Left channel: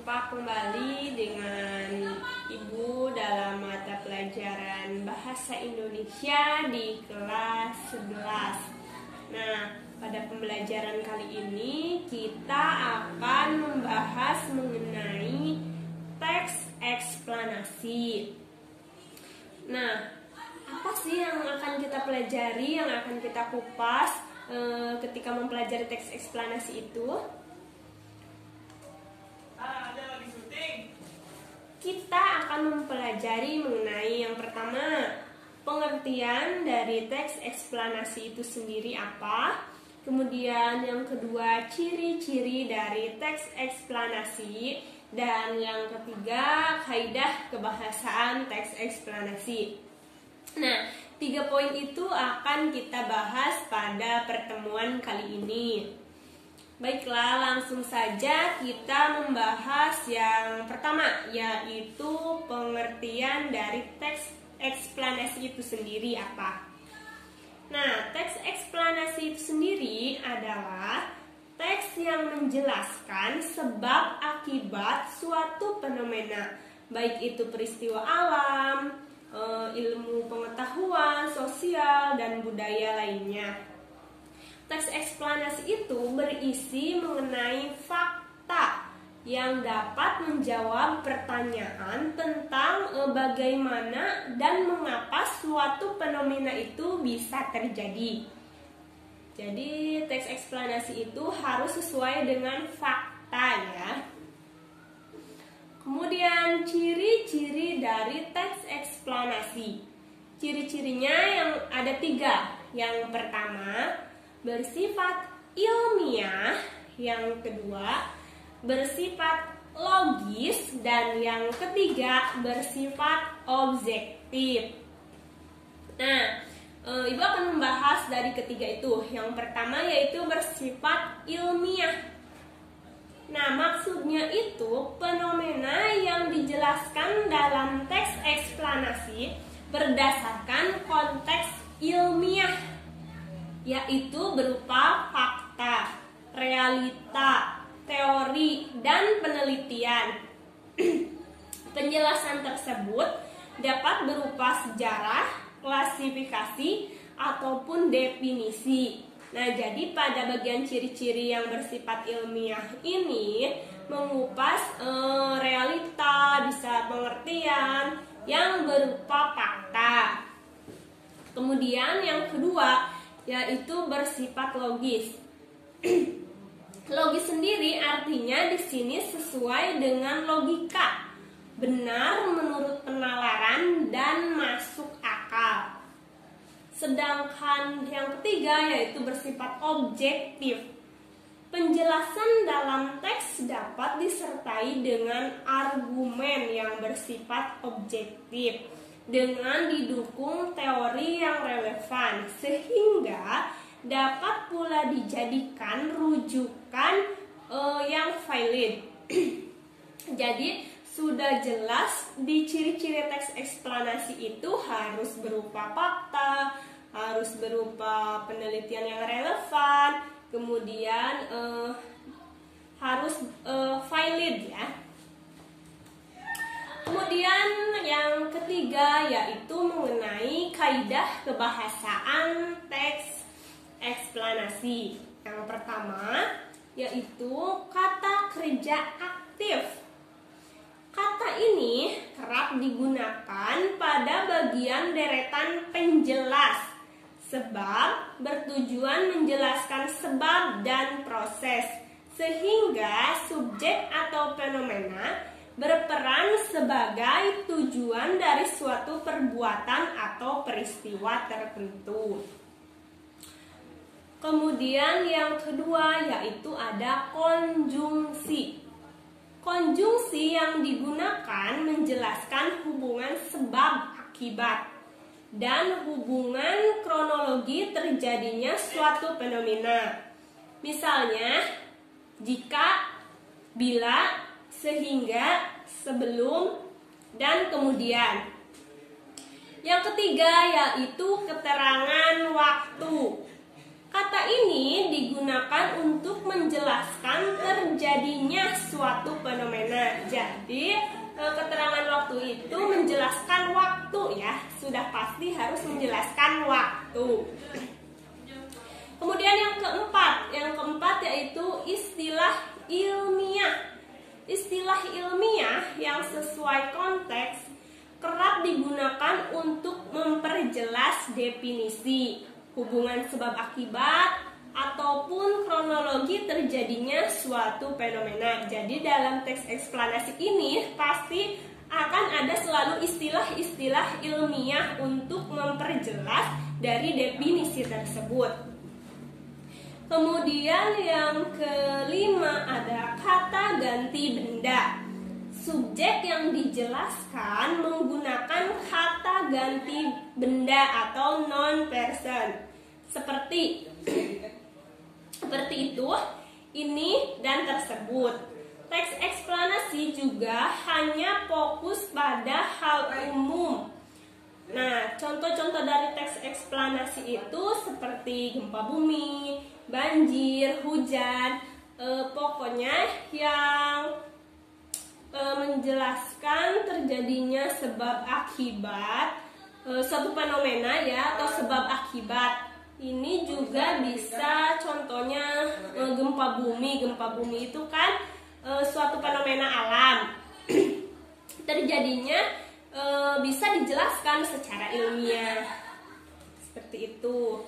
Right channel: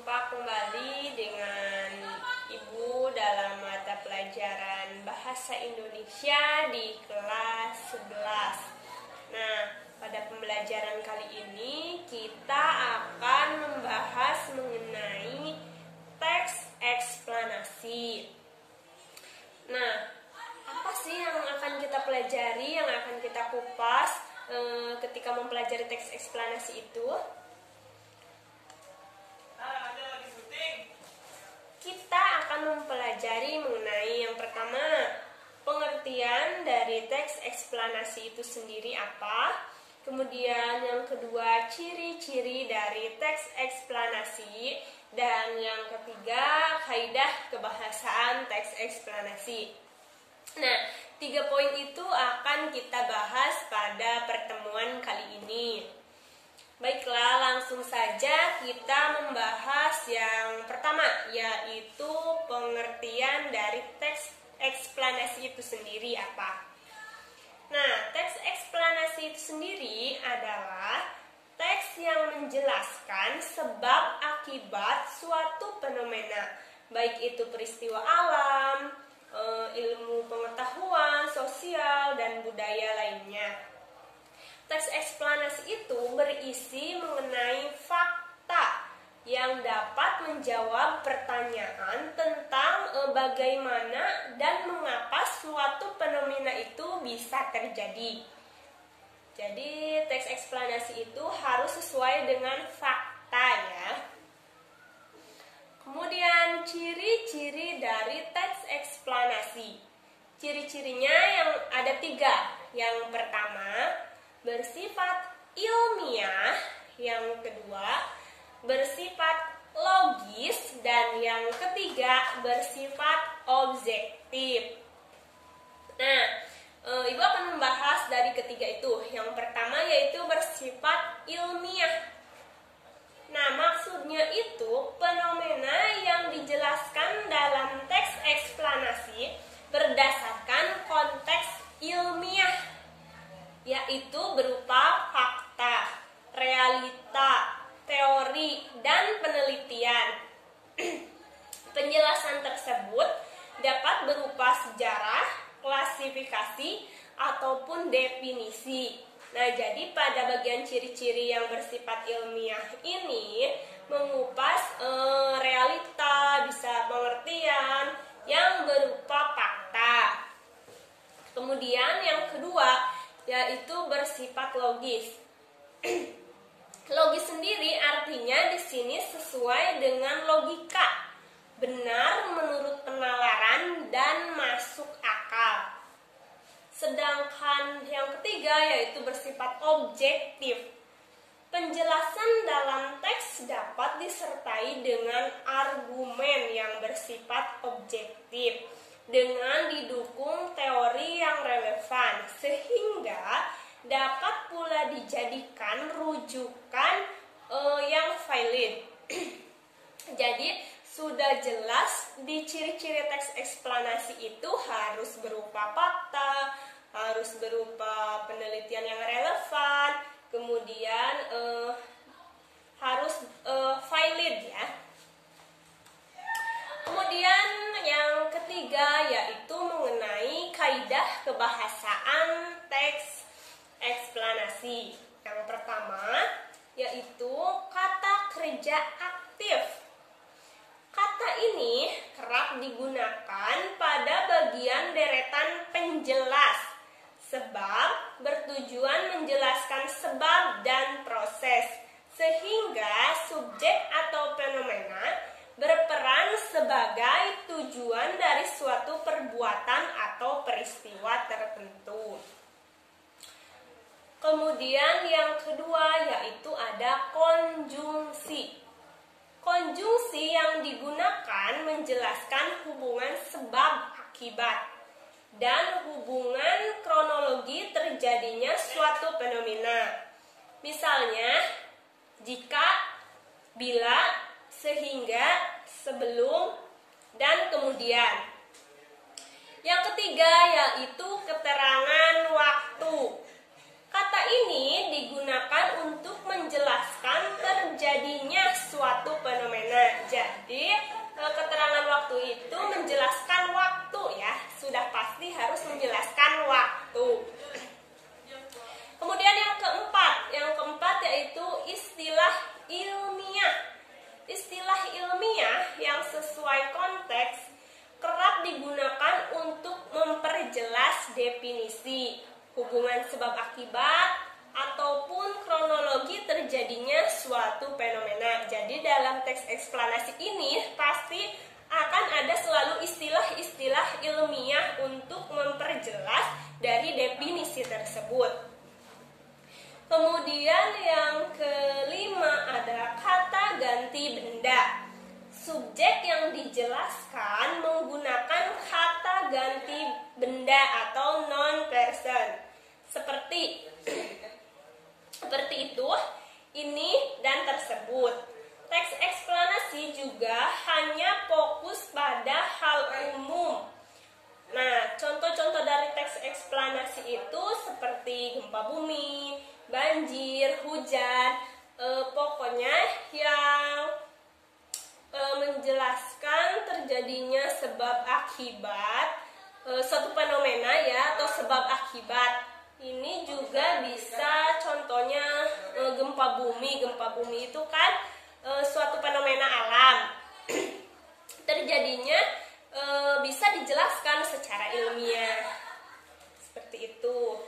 Berjumpa kembali dengan Ibu dalam mata pelajaran Bahasa Indonesia di kelas 11. Nah, pada pembelajaran kali ini kita akan membahas mengenai teks eksplanasi. Nah, apa sih yang akan kita pelajari, yang akan kita kupas ketika mempelajari teks eksplanasi itu? Kita akan mempelajari mengenai yang pertama, pengertian dari teks eksplanasi itu sendiri apa. Kemudian yang kedua, ciri-ciri dari teks eksplanasi. Dan yang ketiga, kaidah kebahasaan teks eksplanasi. Nah, 3 poin itu akan kita bahas pada pertemuan kali ini. Baiklah, langsung saja kita membahas yang pertama, yaitu pengertian dari teks eksplanasi itu sendiri apa. Nah, teks eksplanasi itu sendiri adalah teks yang menjelaskan sebab akibat suatu fenomena, baik itu peristiwa alam, ilmu pengetahuan, sosial, dan budaya lainnya. Teks eksplanasi itu berisi mengenai fakta yang dapat menjawab pertanyaan tentang bagaimana dan mengapa suatu fenomena itu bisa terjadi. Jadi teks eksplanasi itu harus sesuai dengan fakta ya. Kemudian ciri-ciri dari teks eksplanasi. Ciri-cirinya yang ada 3. Yang pertama, bersifat ilmiah. Yang kedua, bersifat logis. Dan yang ketiga, bersifat objektif. Nah, Ibu akan membahas dari ketiga itu. Yang pertama yaitu bersifat ilmiah. Nah, maksudnya itu fenomena yang dijelaskan dalam teks eksplanasi berdasarkan konteks ilmiah, yaitu berupa fakta, realita, teori, dan penelitian. Penjelasan tersebut dapat berupa sejarah, klasifikasi, ataupun definisi. Nah, jadi pada bagian ciri-ciri yang bersifat ilmiah ini mengupas realita, bisa pengertian yang berupa fakta. Kemudian yang kedua yaitu bersifat logis. Logis sendiri artinya di sini sesuai dengan logika, benar menurut penalaran dan masuk akal. Sedangkan yang ketiga yaitu bersifat objektif. Penjelasan dalam teks dapat disertai dengan argumen yang bersifat objektif dengan didukung teori yang relevan, sehingga dapat pula dijadikan rujukan yang valid. Jadi sudah jelas di ciri-ciri teks eksplanasi itu harus berupa fakta, harus berupa penelitian yang relevan, kemudian harus valid ya. Kemudian yang ketiga yaitu mengenai kaidah kebahasaan teks eksplanasi. Yang pertama yaitu kata kerja aktif. Kata ini kerap digunakan pada bagian deretan penjelas, sebab bertujuan menjelaskan sebab dan proses, sehingga subjek atau fenomena berperan sebagai tujuan dari suatu perbuatan atau peristiwa tertentu. Kemudian yang kedua yaitu ada konjungsi. Konjungsi yang digunakan menjelaskan hubungan sebab akibat dan hubungan kronologi terjadinya suatu fenomena. Misalnya, jika, bila, sehingga, sebelum, dan kemudian. Yang ketiga yaitu keterangan waktu. Kata ini digunakan untuk menjelaskan terjadinya suatu fenomena. Jadi keterangan waktu itu menjelaskan waktu ya, sudah pasti harus menjelaskan waktu. Kemudian yang keempat yaitu istilah ilmiah. Istilah ilmiah yang sesuai konteks kerap digunakan untuk memperjelas definisi, hubungan sebab akibat, ataupun kronologi terjadinya suatu fenomena. Jadi dalam teks eksplanasi ini pasti akan ada selalu istilah-istilah ilmiah untuk memperjelas dari definisi tersebut. Kemudian yang kelima ada kata ganti benda. Subjek yang dijelaskan menggunakan kata ganti benda atau non-person. Seperti itu, ini, dan tersebut. Teks eksplanasi juga hanya fokus pada hal umum. Nah, contoh-contoh dari teks eksplanasi itu seperti gempa bumi, banjir, hujan, pokoknya yang menjelaskan terjadinya sebab akibat suatu fenomena ya, atau sebab akibat. Ini juga bisa contohnya gempa bumi. Gempa bumi itu kan suatu fenomena alam. Terjadinya bisa dijelaskan secara ilmiah. Seperti itu.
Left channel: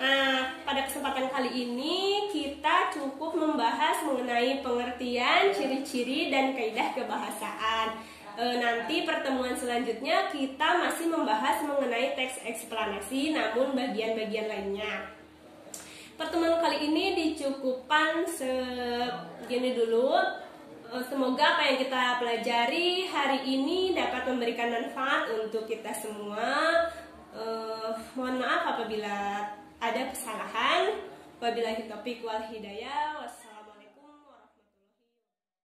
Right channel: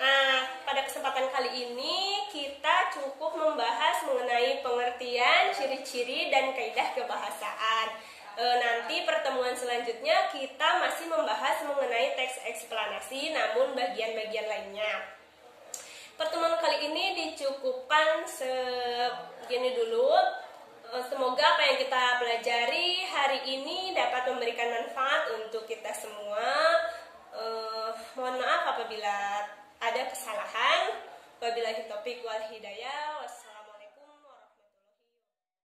Nah, pada kesempatan kali ini kita cukup membahas mengenai pengertian, ciri-ciri, dan kaidah kebahasaan. Nanti pertemuan selanjutnya kita masih membahas mengenai teks eksplanasi, namun bagian-bagian lainnya. Pertemuan kali ini dicukupkan segini dulu. Semoga apa yang kita pelajari hari ini dapat memberikan manfaat untuk kita semua. Mohon maaf apabila ada kesalahan. Wabillahi taufiq wal hidayah.